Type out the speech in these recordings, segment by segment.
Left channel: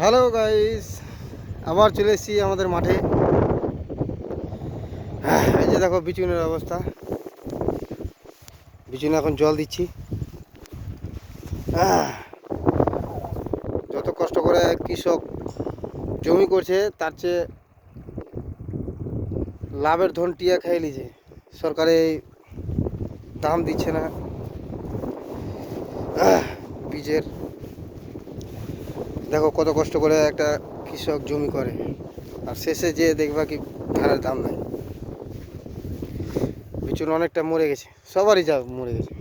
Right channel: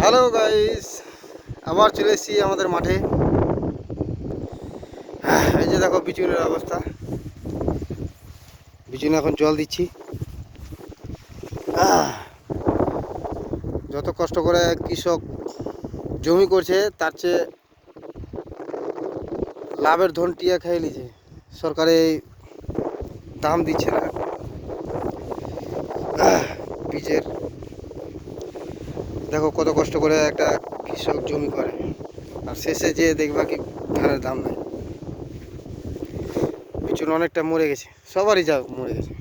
Hello guys, আবার চলে এসেছি আমাদের মাঠে। এই যে দেখো বিচুনের অবস্থা। বিচুনে এখন জল দিচ্ছি। যত কষ্ট করে কৃষক জমি করছে তার চেয়ে লাভের ধন টিয়া খেয়ে নিছে। সরকারে দাম দিচ্ছে না বীজের। দেখো কত কষ্ট করে একটা কৃষক জমি করে, আর শেষে যে দেখবা কি ধানের দাম নাই। বিচুন অনেকটা মরে গেছে, সবারই যা মরে গেছে।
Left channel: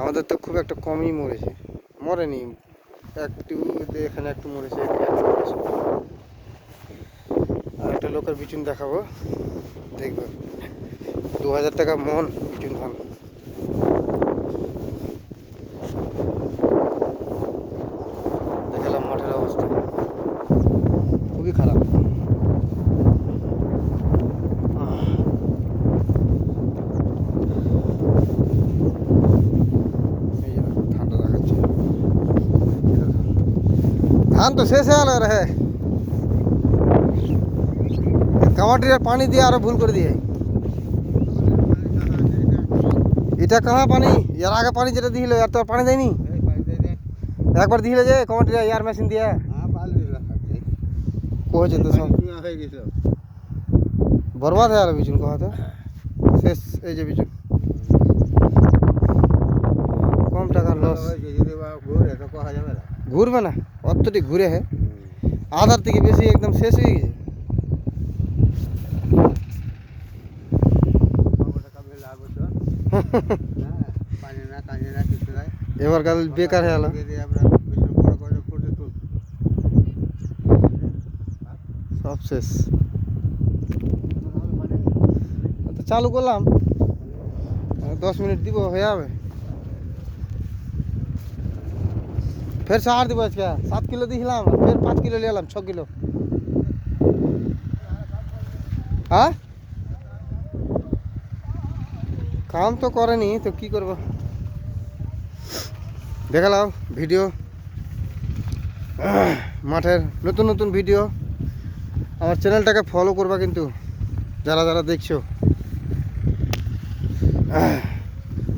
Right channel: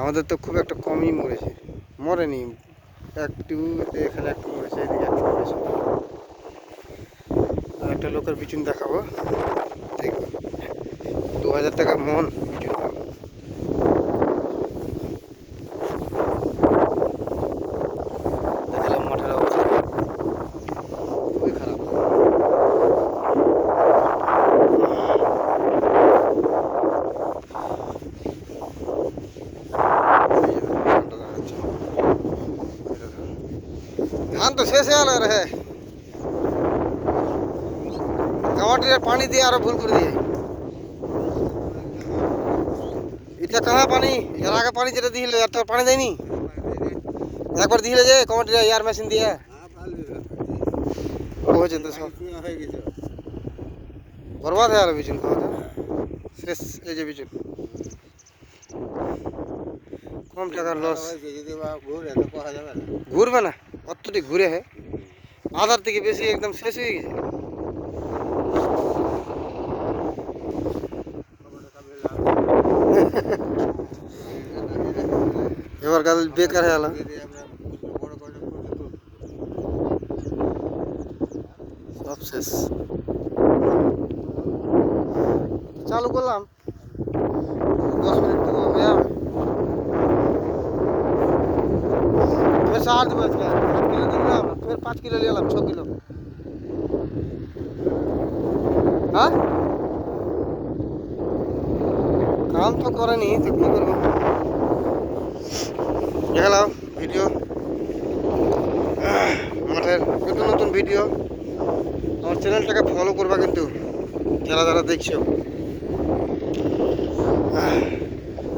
আমাদের তো খুব একটা কমই মরেছে, মরেনি একটু, এখানে একটু মরেছে, এদিকে একটু মরেছে। আর একটা লোকের বিচুন দেখাবো, দেখবো 2000 টাকা মন বিচুন দাম। দেখালাম মাঠের অবস্থা খুবই খারাপ। ধান তো শেষ হয়ে গেল রে, কামাটির পানি দিয়ে আরো ভুল করে দিয়ে। এটা কাহা পানি, এর আগে পানি যেটা দিছিল এর তো পানি দেয়নি। একবার দিলে যে কমাটিরা এয়ার মেশিন দিয়ে হয়েছে তো সব বরবাদ হয়ে গেল বিচুন। কথা শেষ। এই যে বিচুন কম টাকার লস। ঘুরবে না, অতটি ঘুরে হে আধার থেকে বেশি একদম শেষ হয়ে গেছে। এবার কাল বেকার হয়ে গেল, সব শেষ। চালু করলাম 10 মিনিট দিব হয়ে যাবে। ফের সার দেবো আজকে 7 কিলো দিলাম, ফের 5 কিলো নিয়ে এলাম, 6 কিলো। হ্যাঁ কাম তো করেনি তো কি করবো। দেখালাম ভিডিও, মাঠের নতুন নতুন ভিডিও। আমার চ্যানেলটাকে ফলো করবা কিন্তু, যারা যারা দেখছো।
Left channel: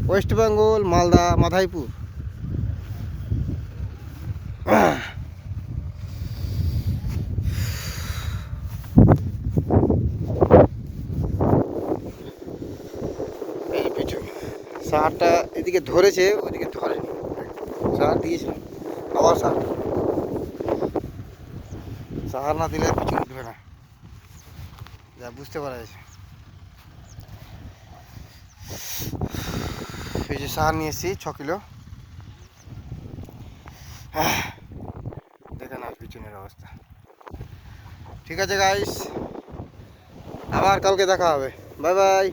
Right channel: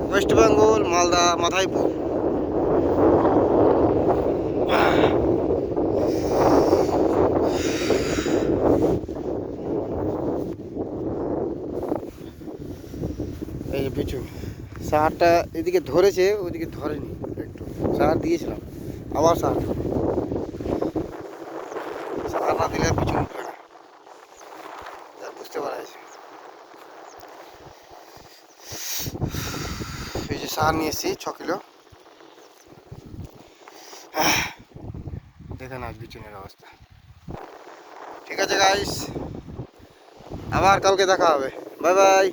ওয়েস্ট বেঙ্গল, মালদা, মাধাইপুর। এই যে পিছু সারটা এদিকে ধরেছে, ওইদিকে ধরেনি। সার দিয়েছিলাম, আবার সার সার না দিলে পিছু উঠবে না, যা বুঝতে পারা যাচ্ছে। এই যে সার নিয়ে এসেছি 6 কিলো। দেখে না বিচুনের অবস্থা। ঠিক আছে গাইস, আবার কালকে দেখা হবে। Bye bye.